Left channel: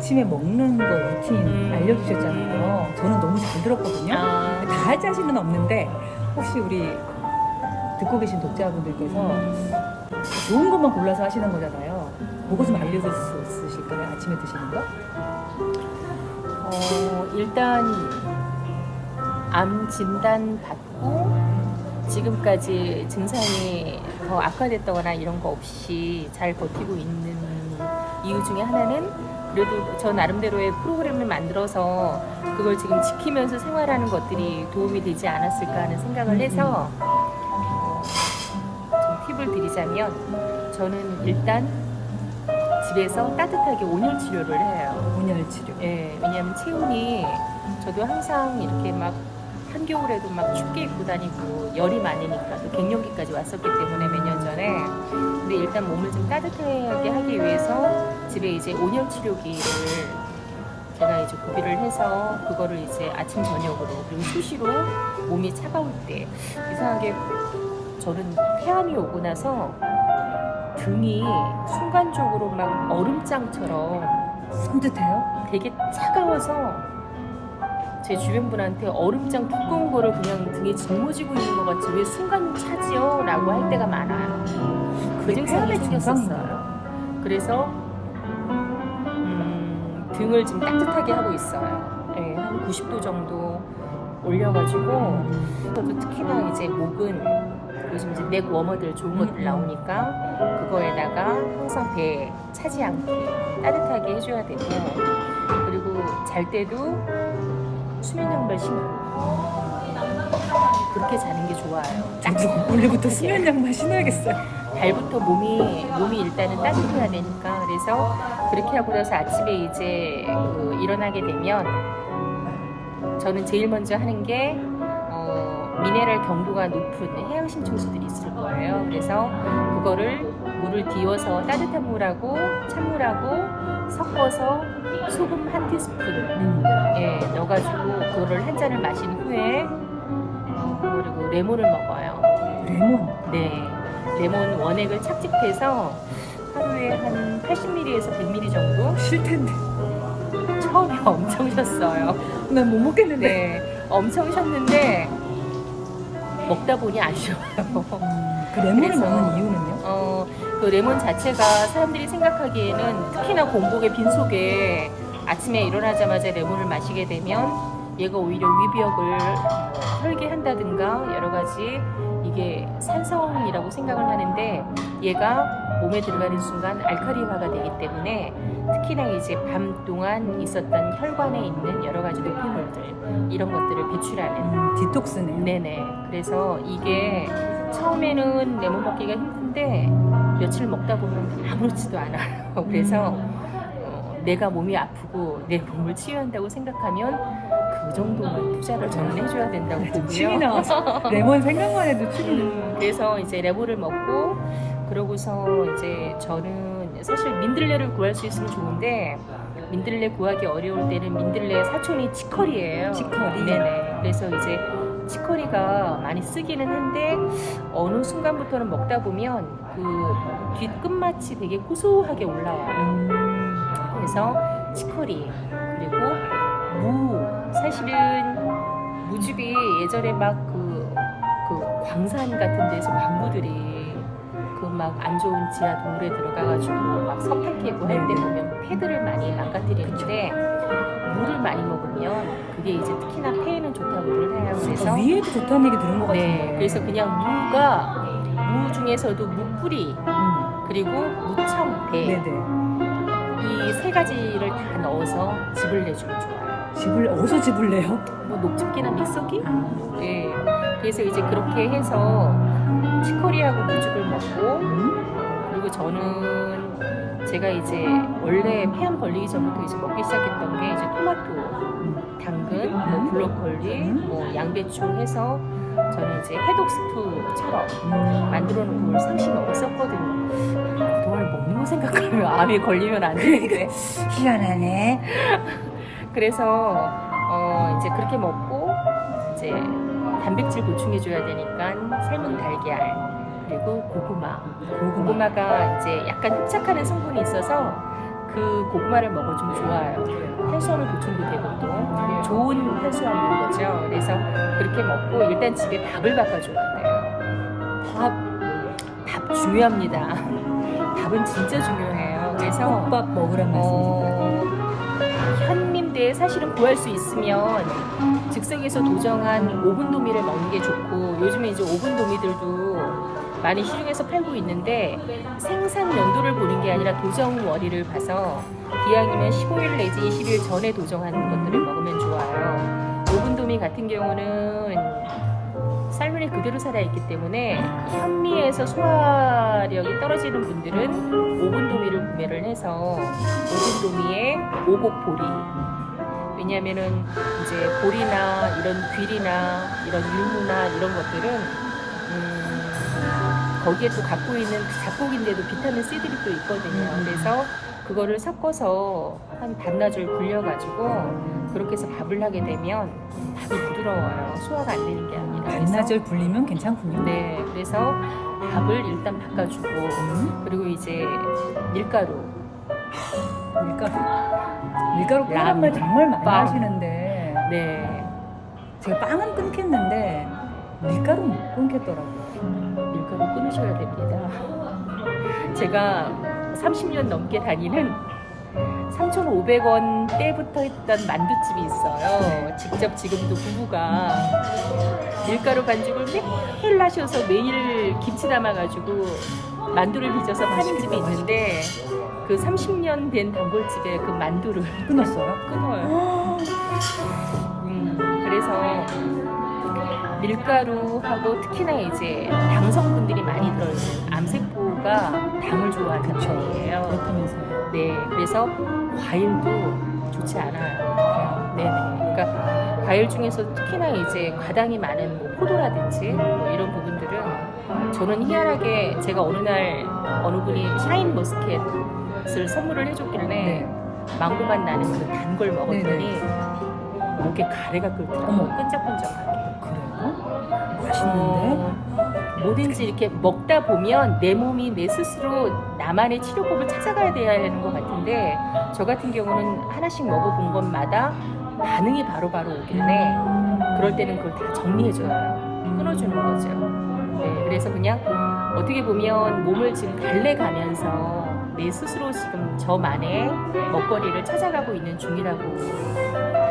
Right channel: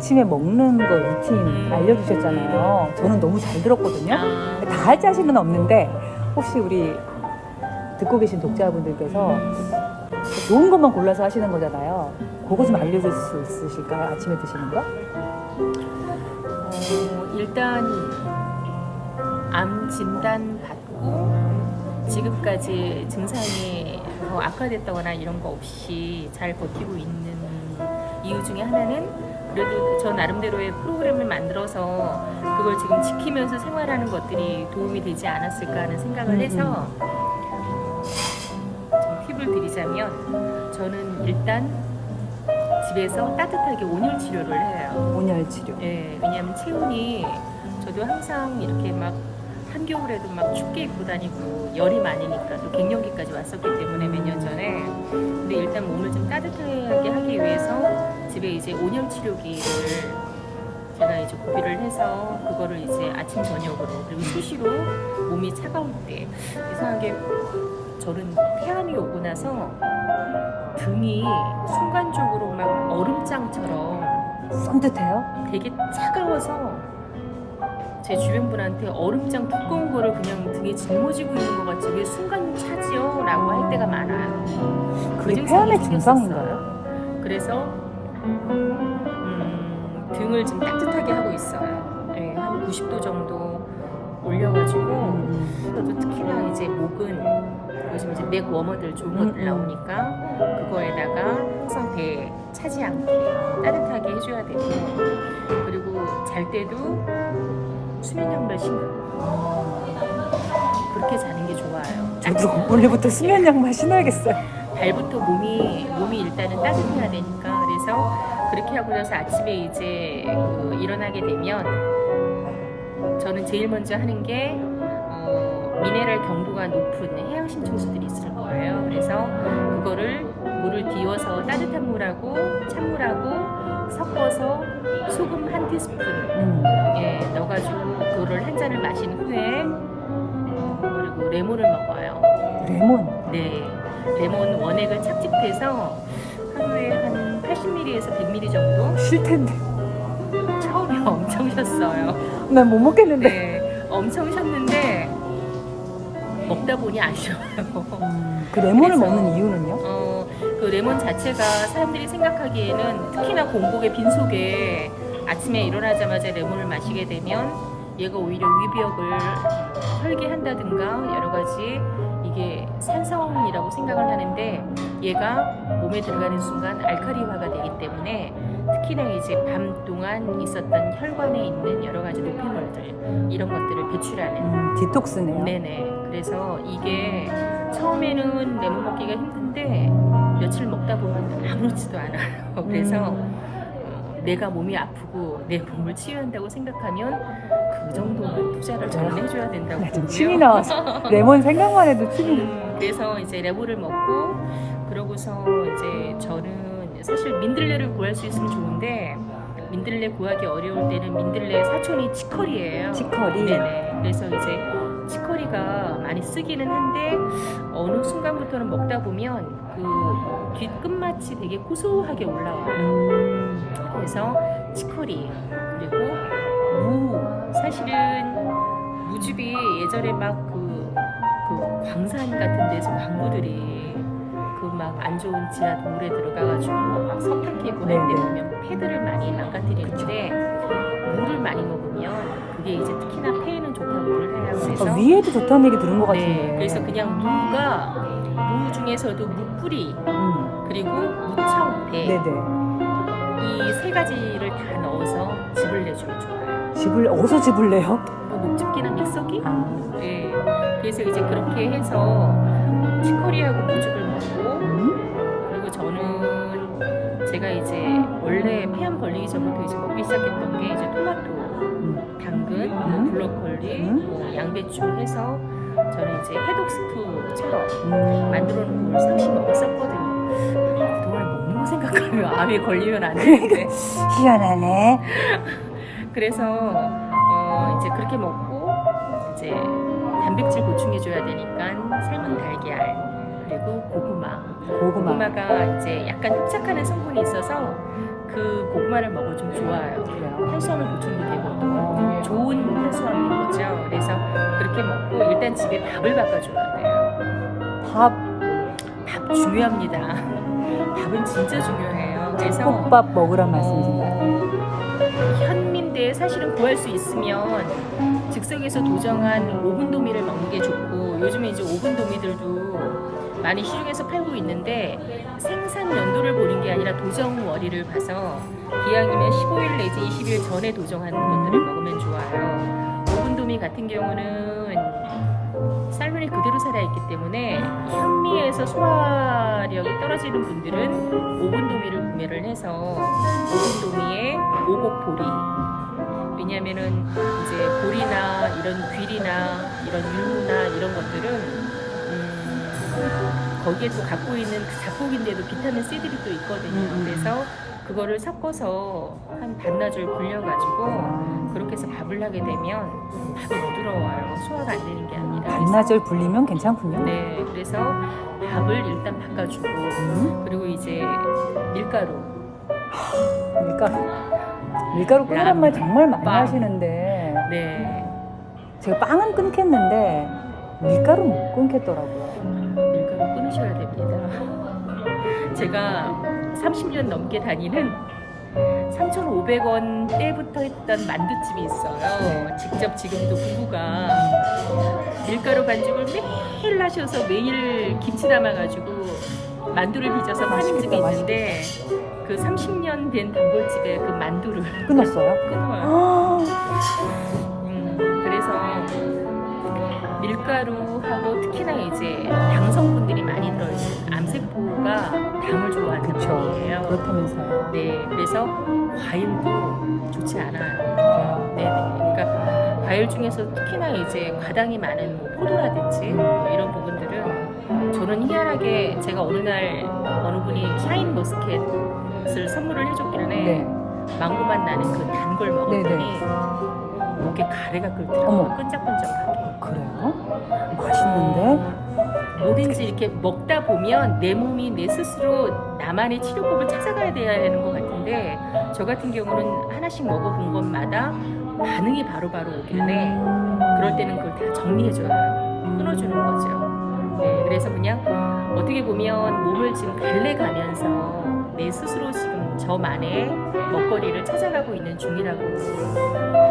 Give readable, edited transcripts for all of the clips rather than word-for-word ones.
아침에 먹는 거 루틴 알려주셨잖아요. 저는 너무 잘 들었거든요. 다 할 자신은 없는데 혹시 우리 듣고 계신 독자분들께서 좋은 것만 골라서 하시는 거잖아요. 그거 좀 알려줄 수 있으실까요? 아침에 드시는 거? 일단 암 진단 받고 지금까지 증상이 더 악화됐다거나 이런 거 없이 잘 버티고 있는 이유 중에 하나는 그래도 저 나름대로의 프로그램을 만들어서 그걸 지금 지키면서 생활하는 것들이 도움이 되지 않았을까 하는 생각을 해서 좀 팁을 드리자면 저는 일단 집에서 따뜻하게 온열 치료를 해요. 온열 치료. 예, 왜냐하면 체온이 저도 항상 이렇게 막 한겨울에도 막 춥게 입고 다니고 열이 많으니까 또 갱년기까지 왔었기 때문에 몇 년 전에. 근데 일단 몸을 좀 따뜻하게 하기 위해서 집에 이제 온열 치료기를 제가 이제 구비를 해서 그거를 이제 아침 저녁으로 그리고 수시로 몸이 차가울 때 이상하게 저는 폐암이 오고 나서 등이 순간적으로 막 얼음장처럼 손뜻해요? 되게 차가워서 제 주변 분한테 얼음장 두꺼운 거를 그냥 등에 짊어지고 있는 것 같이 왜 순간 차지요? 라고 할 때가 많아요. 그 증상이 생겼었어요. 그래서 등을 좀 따뜻하게 하고 있어요. 네, 한 90도 정도 올려가지고 저도 특히나 이제 목은 요즘 이제 넥 워머들 좋은 것들 나오니까 그거에다가 항상 배 차지 않게 따뜻하게 해줘야 되고, 그리고 잘 때도 수면 양말 신고 그렇게 자는 게 좋아요. 저도 오늘부터 수면 양말 신어야겠어요. 발부터 몸이 일단은 따뜻해야 되니까. 그래서 그렇게 하고 나서 아침에 이제 일어나게 되면 저는 제일 먼저 하는 게 미네랄 경도가 높은 해양 신청수들이 있을 거예요. 그래서 그거를 물을 데워서 따뜻한 물하고 찬물하고 섞어서 소금 한 티스푼 넣어가지고 그거를 한 잔을 마신 후에 그리고 레몬을 먹어요. 레몬? 네, 레몬 원액을 착즙해서 하루에 한 80ml에서 100ml 정도. 싫텐데. 처음에 엄청 쉬었어요. 난 못 먹겠는데. 네, 엄청 쉬었는데 먹다 보니 아쉬워요. 그 레몬을 그래서, 먹는 이유는요? 그 레몬 자체가 사람들이 생각하기에는 특히나 공복의 빈속에 아침에 일어나자마자 레몬을 마시게 되면 얘가 오히려 위벽을 헐게 한다든가 여러 가지 이게 산성이라고 생각을 하는데, 얘가 몸에 들어가는 순간 알칼리화가 되기 때문에 특히나 이제 밤 동안 있었던 혈관에 있는 여러 가지 노폐물들 이런 것들을 배출하는 디톡스네요. 네네. 그래서 이게 처음에는 레몬 먹기가 힘든데 며칠 먹다 보면 아무렇지도 않아요. 그래서 내가 몸이 아프고 내 몸을 치유한다고 생각하면 그 정도는 투자를 저는 해줘야 된다고 보고요. 침이 나와서 레몬 생각만 해도 침이. 그래서 이제 레몬을 먹고 그러고서 이제 저는 사실 민들레를 구할 수 있으면 좋은데 민들레 구하기 어려울 때는 민들레 사촌이 치커리예요. 치커리. 네네. 그래서 이제 치커리가 많이 쓰기는 한데 어느 순간부터는 먹다 보면 그 뒷 끝맛이 되게 고소하게 올라와요. 그래서 치커리, 그리고 무. 사실은 무즙이 예전에 막 그 광산 같은 데서 광부들이 그 막 안 좋은 지하 동굴에 들어가가지고 막 석탄 캐고 할 때 보면 폐들을 많이 망가뜨리는데 물을 많이 먹으면 그게 이제 특히나 폐에는 좋다고를 해요. 그래서 위에도 좋다는 얘기 들은 것 같은데. 네, 그래서 그냥 무 중에서도 무뿌리 그리고 무청, 배 네네. 이 세 가지를 다 넣어서 즙을 내주면 좋아요. 어디서 즙을 내요? 뭐 녹즙기나 믹서기? 네. 그래서 이제 그렇게 해서 치커리하고 무즙을 먹고, 그리고 저는 제가 이제 원래 폐암 걸리기 전부터 이제 먹기 시작했던 게 이제 토마토, 당근, 뭐 브로콜리, 뭐 양배추 해서 저는 이제 해독 스프처럼 만들어 놓고 그걸 상시 먹었었거든요. 그동안 먹는 거 생각하면 암에 걸리면 안 되는데. 희한하네. 그래서 이제 그렇게 먹고 이제 단백질 보충해줘야 되니까 삶은 달걀, 그리고 고구마가 이제 약간 흡착하는 성분이 있어서 그 고구마를 먹어 좀 좋아요. 탄수화물 보충도 되고 또 좋은 탄수화물인 거죠. 그래서 그렇게 먹고 일단 집에 밥을 바꿔줘야 돼요. 밥 중요합니다. 밥은 진짜 중요해요. 그래서 컵밥 먹으란 말씀이신가요? 현민대 사실은 구할 수 있으면 즉석에서 도정한 오븐도미를 먹는 게 좋고, 요즘에 이제 오븐도미들도 많이 시중에서 팔고 있는데 생산 연도를 보는 게 아니라 도정 월일을 봐서 기왕이면 15일 내지 20일 전에 도정하는 것들을 먹으면 좋아요. 오븐도미 같은 경우는 쌀분이 그대로 살아있기 때문에 현미에서 소화력이 떨어지는 분들은 오븐도미를 구매를 해서 오븐도미에 오곡보리, 왜냐면은 이제 보리나 이런 귀리나 이런 율무나 이런 것들은 거기에 또 갖고 있는 잡곡인데도 비타민 C들이 또 있거든요. 그래서 그거를 섞어서 한 반나절 불려가지고 그렇게 해서 밥을 하게 되면 밥이 부드러워요. 소화가 안 되는 게 아니라. 반나절 불리면 괜찮군요. 네, 그래서 밥을 일단 바꿔주고 그리고 이제 밀가루 끓이란 말 정말 많이 빵. 하시는데 네, 제가 빵은 끊겠는데 밀가루 못 끊겠더라고요. 밀가루 끊으셔야 됩니다. 제가 30년 넘게 다니는 3,500원 때부터 했던 만두집이 있어요. 직접 지금도 부부가 밀가루 반죽을 매일 하셔서 매일 김치 담아가지고 만두를 빚어서 파는 집이 있는데 그 30년 된 단골집에 그 만두를 끊었어요? 끊어요. 그래서 밀가루하고 특히나 이제 당성분들이 많이 들어있는 암세포가 당을 좋아한단 말이에요. 그렇다면서요. 네, 그래서 과일도 좋지 않아요. 네네. 그러니까 과일 중에서 특히나 이제 과당이 많은 뭐 포도라든지 뭐 이런 부분들은 저는 희한하게 제가 어느 날 어느 분이 샤인 머스켓을 선물을 해줬길래 네. 망고맛 나는 그 단 걸 먹었더니 목에 가래가 끓더라고요. 어머. 끈적끈적하게. 그래요? 맛있는데? 뭐든지 이렇게 먹다 보면 내 몸이 내 스스로 나만의 치료법을 찾아가야 돼야 하는 것 같은데, 저 같은 경우는 하나씩 먹어본 것마다 반응이 바로바로 오길래 그럴 때는 그걸 다 정리해줘요. 끊어주는 거죠. 네, 그래서 그냥 어떻게 보면 몸을 지금 달래가면서 내 스스로 지금 저만의 먹거리를 찾아가고 있는 중이라고.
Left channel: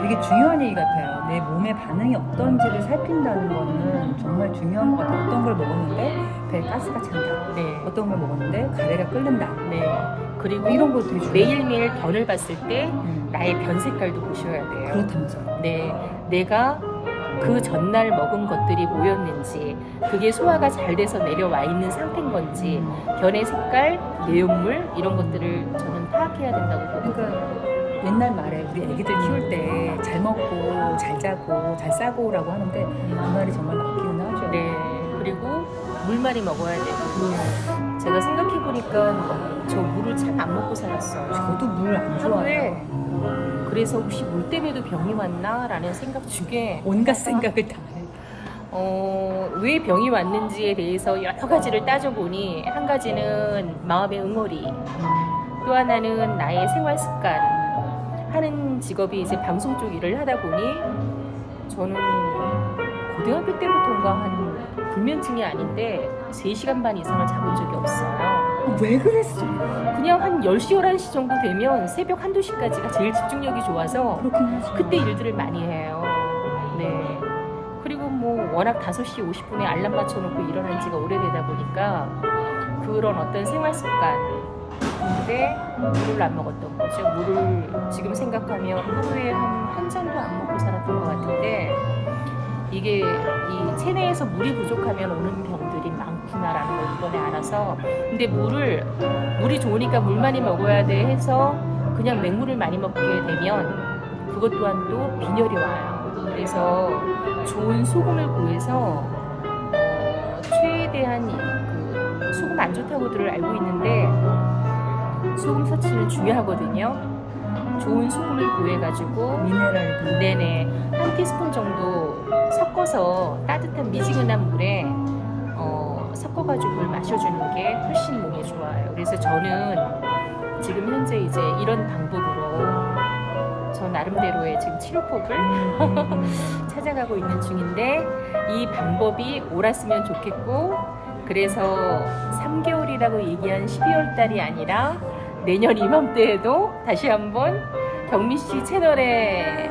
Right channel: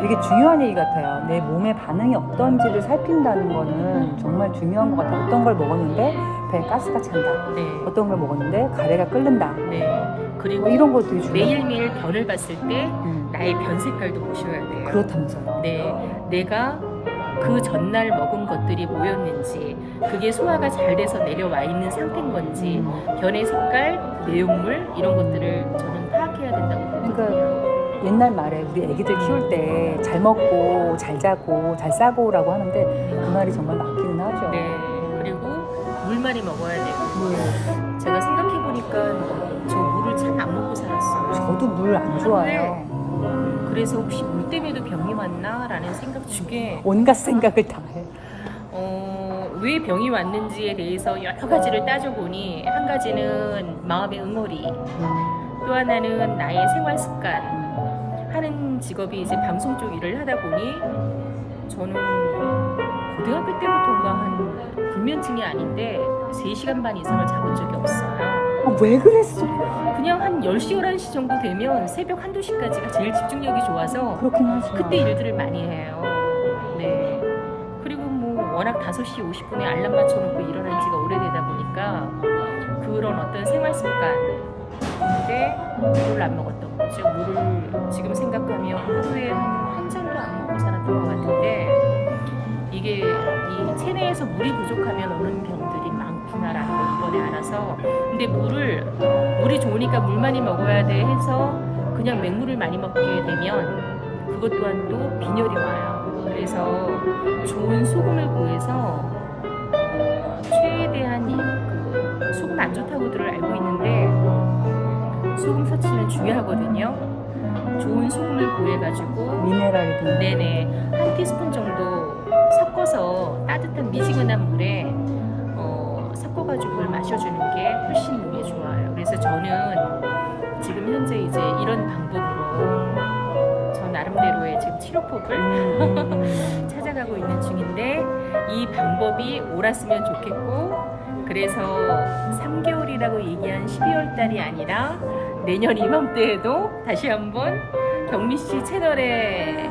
되게 중요한 얘기 같아요. 내 몸의 반응이 어떤지를 살핀다는 거는 정말 중요한 것 같아요. 어떤 걸 먹었는데 배에 가스가 찬다. 네. 어떤 걸 먹었는데 가래가 끓는다. 네. 그리고 이런 거 되게 중요해요. 매일매일 변을 봤을 때 나의 변 색깔도 보셔야 돼요. 그렇다면서요. 네, 내가 그 전날 먹은 것들이 뭐였는지, 그게 소화가 잘 돼서 내려와 있는 상태인 건지, 변의 색깔, 내용물 이런 것들을 저는 파악해야 된다고 보거든요. 옛날 말에 우리 애기들 키울 때 잘 먹고 잘 자고 잘 싸고라고 하는데 그 말이 정말 맞기는 하죠. 네, 그리고 물 많이 먹어야 되고. 제가 생각해 보니까 저 물을 참 안 먹고 살았어요. 저도 물 안 좋아해요. 그래서 혹시 물 때문에도 병이 왔나라는 생각 중에 온갖 생각을 다 해요. 왜 병이 왔는지에 대해서 여러 가지를 따져보니, 한 가지는 마음의 응어리, 또 하나는 나의 생활 습관. 하는 직업이 이제 방송 쪽 일을 하다 보니 저는 고등학교 때부터인가 한 불면증이 아닌데 3시간 반 이상을 자본 적이 없어요. 왜 그랬어? 그냥 한 10시, 11시 정도 되면 새벽 1, 2시까지가 제일 집중력이 좋아서 그렇긴 하죠. 그때 일들을 많이 해요. 네. 그리고 뭐 워낙 5시 50분에 알람 맞춰놓고 일어난 지가 오래되다 보니까 그런 어떤 생활 습관, 근데 물을 안 먹었던 거죠. 물을 지금 생각하면 하루에 한 잔도 안 먹고 살았던 것 같은데, 이게 이 체내에서 물이 부족하면 오는 병들이 많구나라는 걸 이번에 알아서. 근데 물이 좋으니까 물 많이 먹어야 돼 해서 그냥 맹물을 많이 먹게 되면 그것 또한 또 빈혈이 와요. 그래서 좋은 소금을 구해서 최대한 그 소금 안 좋다고들 알고 있는데 소금 섭취는 중요하거든요. 좋은 소금을 구해가지고 미네랄이 네네 한 티스푼 정도 섞어서 따뜻한 미지근한 물에 섞어가지고 그걸 마셔주는 게 훨씬 몸에 좋아요. 그래서 저는 지금 현재 이제 이런 방법으로 저 나름대로의 지금 치료법을 찾아가고 있는 중인데 이 방법이 옳았으면 좋겠고 그래서 3개월이라고 얘기한 12월 달이 아니라 내년 이맘때에도 다시 한번 경미 씨 채널에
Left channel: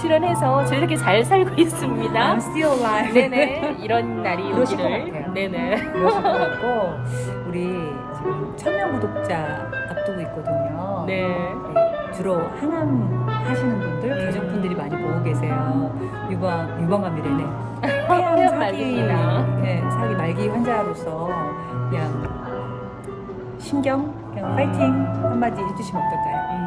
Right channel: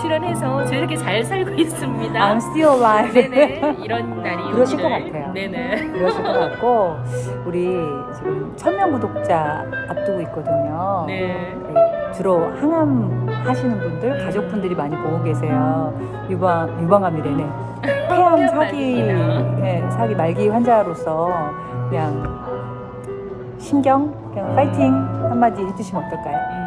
출연해서 저 이렇게 잘 살고 있습니다. I'm still alive. 네네 이런 날이 그러실 것 오기를. 같아요. 네네. 그러실 것 같고 우리 지금 1000명 구독자 앞두고 있거든요. 네. 네, 주로 항암 하시는 분들, 가족분들이 많이 보고 계세요. 유방암이래네. 폐암 폐암 사기, 말기입니다. 네, 사기 말기 환자로서 그냥 그냥 파이팅 한마디 해주시면 어떨까요?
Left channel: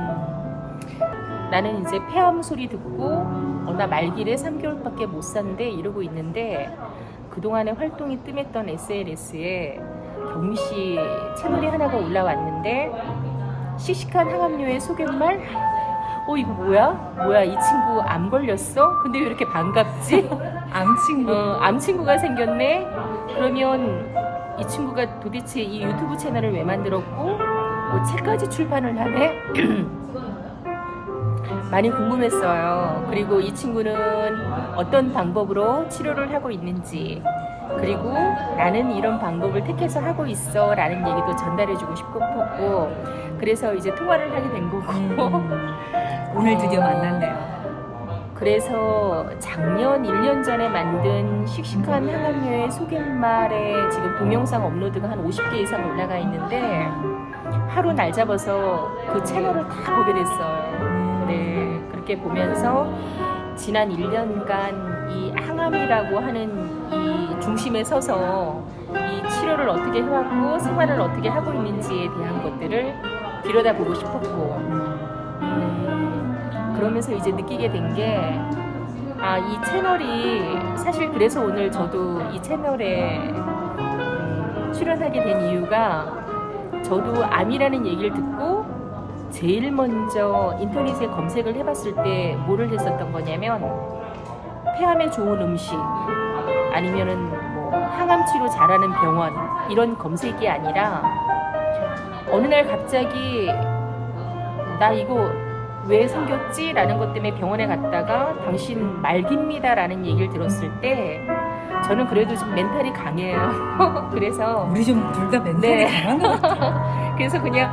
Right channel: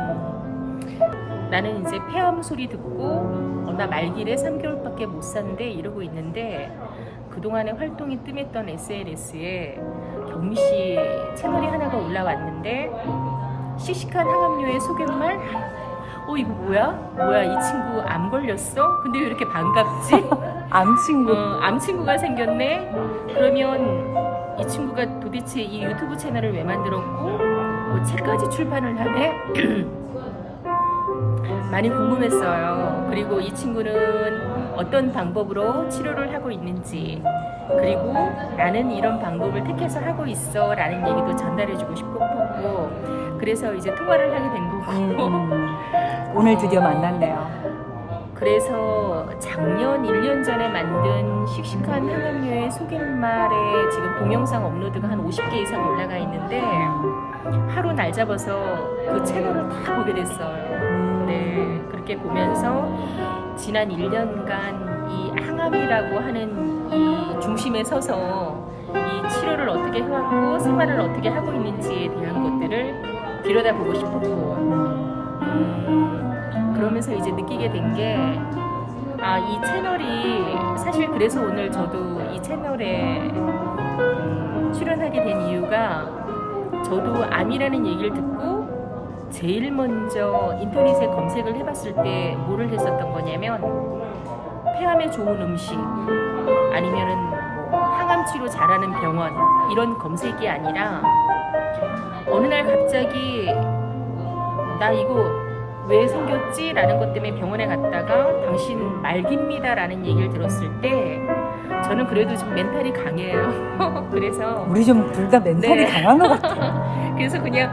나는 이제 폐암 소리 듣고 나 말기를 3개월밖에 못 산대 이러고 있는데 그동안에 활동이 뜸했던 SNS에 경미 씨 채널이 하나가 올라왔는데 씩씩한 항암료의 소개말 이거 뭐야 이 친구 암 걸렸어? 근데 왜 이렇게 반갑지? 암 친구. 암 친구가 생겼네? 그러면 이 친구가 도대체 이 유튜브 채널을 왜 만들었고 뭐 책까지 출판을 하네? 많이 궁금했어요. 그리고 이 친구는 어떤 방법으로 치료를 하고 있는지 그리고 나는 이런 방법을 택해서 하고 있어 라는 얘기도 전달해주고 싶었고 그래서 이제 통화를 하게 된 거고 오늘 드디어 만났네요. 그래서 작년 1년 전에 만든 씩씩한 항암료의 소개말에 지금 동영상 업로드가 한 50개 이상 올라가 있는데 하루 날 잡아서 그 채널을 다 보게 됐어요. 네, 그렇게 보면서 지난 1년간 이 항암이라고 하는 이 중심에 서서 이 치료를 어떻게 해왔고 생활을 어떻게 하고 있는지에 대한 것들을 들여다보고 싶었고 그러면서 이제 느끼게 된 게 이 채널이 사실 그래서 오늘 저도 이 채널에 출연하게 된 이유가 저도 암이라는 얘기를 듣고 제일 먼저 인터넷에 검색을 해봤을 때 뭐를 했었던 거냐면 폐암에 좋은 음식 아니면은 뭐 항암 치료 잘하는 병원 이런 검색이 아니라 어느 날 갑자기 나 이거 왜 생겼지? 라는 것 때문에 병원에 갔다가 당신 말기입니다 라는 얘기를 들었을 때 저는 그래도 좀 멘탈이 강해요. 그래서 우리 좀 둘 다 멘탈이 네. 강한 것 같아요. 그래서 그냥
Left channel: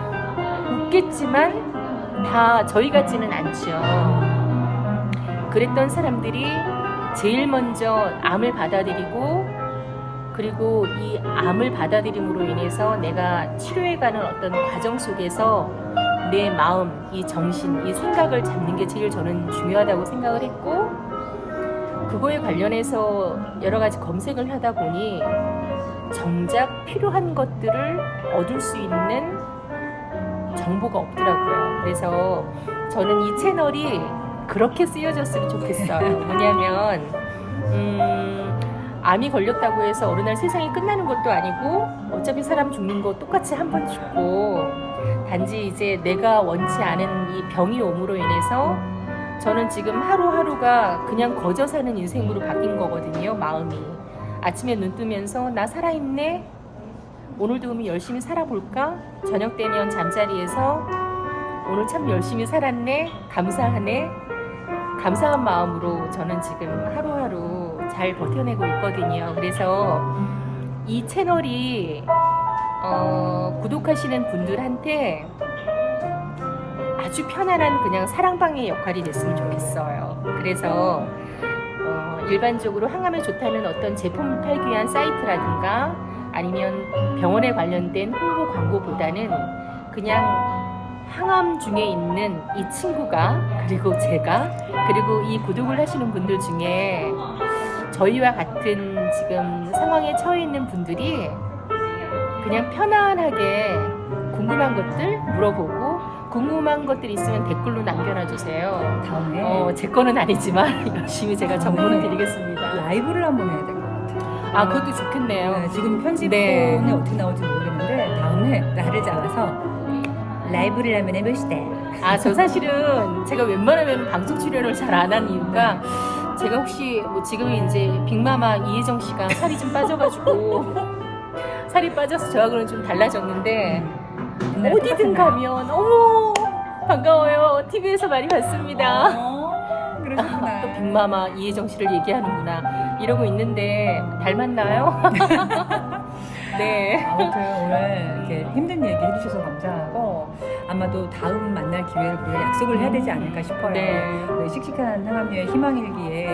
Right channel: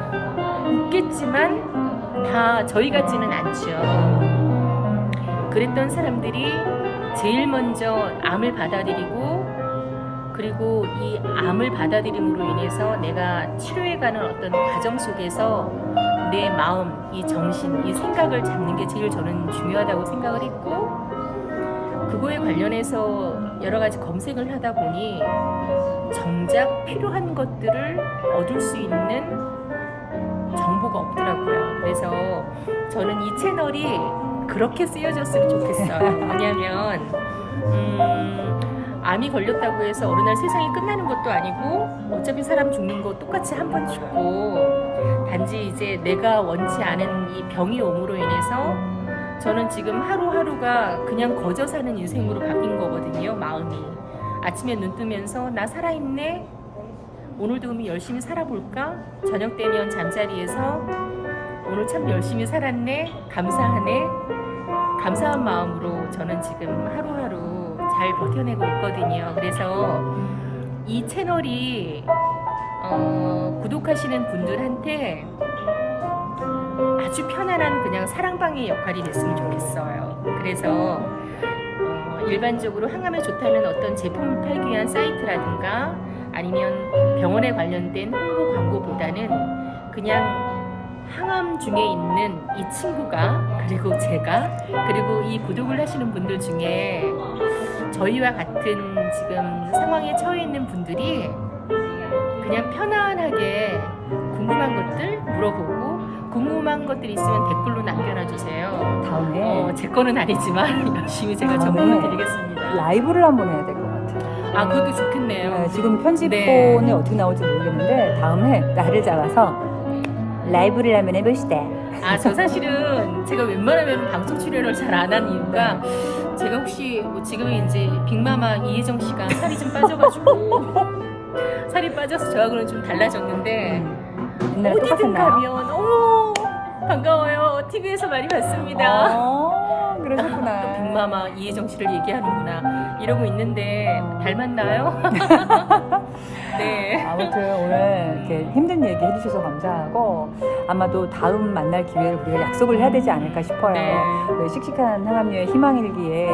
웃겠지만 다 저희 같지는 않죠. 그랬던 사람들이 제일 먼저 암을 받아들이고 그리고 이 암을 받아들임으로 인해서 내가 치료해가는 어떤 과정 속에서 내 마음, 이 정신, 이 생각을 잡는 게 제일 저는 중요하다고 생각을 했고 그거에 관련해서 여러 가지 검색을 하다 보니 정작 필요한 것들을 얻을 수 있는 정보가 없더라고요. 그래서 저는 이 채널이 그렇게 쓰여졌으면 좋겠어요. 뭐냐면 암이 걸렸다고 해서 어느 날 세상이 끝나는 것도 아니고 어차피 사람 죽는 거 똑같이 한 번 죽고 단지 이제 내가 원치 않은 이 병이 옴으로 인해서 저는 지금 하루하루가 그냥 거저 사는 인생으로 바뀐 거거든요. 마음이 아침에 눈 뜨면서 나 살아있네 오늘도 그럼 열심히 살아볼까 저녁 되면 잠자리에서 오늘 참 열심히 살았네 감사하네 감사한 마음으로 저는 지금 하루하루 잘 버텨내고 있거든요. 그래서 이 채널이 구독하시는 분들한테 아주 편안한 그냥 사랑방의 역할이 됐으면 좋겠어요. 그래서 일반적으로 항암에 좋다는 어떤 제품을 팔기 위한 사이트라든가 아니면 병원에 관련된 홍보 광고보다는 그냥 항암 중에 있는 이 친구가 그리고 제가 그리고 이 구독을 하시는 분들 중에 저희와 같은 지금 상황에 처해 있는 분들이 그냥 편안하게 궁금한 것들 물어보고 궁금한 것들 있으면 댓글로 남겨놔주세요. 다음에 제 거는 아니지만 열심히 제가 정보를 다음에 드리겠습니다. 라이브를 한번 해야 될 것 같아요. 그것도 좋겠네요. 네, 지금 편집본이 네. 어떻게 나올지 모르겠는데 다음에 나를 잡아서 라이브를 한번 해봅시다. 저 사실은 제가 웬만하면 방송 출연을 잘 안 하는 이유가 제가 혹시 뭐 지금 이제 빅마마 이혜정 씨가 살이 좀 빠져가지고 살이 빠져서 저하고는 좀 달라졌는데 옛날에 어디든 똑같았나요? 가면 어머 반가워요. TV에서 많이 봤습니다. 그러셨구나. 또 빅마마 이혜정 씨를 얘기하는구나 이러고 있는데 닮았나요? 네. 아무튼 오늘 이렇게 힘든 얘기 해주셔서 감사하고 아마도 다음 만날 기회를 우리가 약속을 해야 되지 않을까 싶어요. 네. 네, 씩씩한 항암료의 희망일기에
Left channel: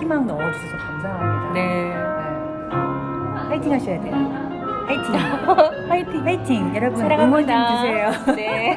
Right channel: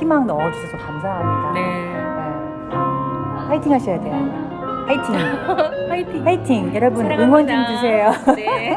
희망 넣어주셔서 감사합니다. 네. 네. 파이팅 하셔야 돼요. 파이팅. 화이팅. 파이팅. 여러분 응원 좀 사랑합니다. 주세요. 네.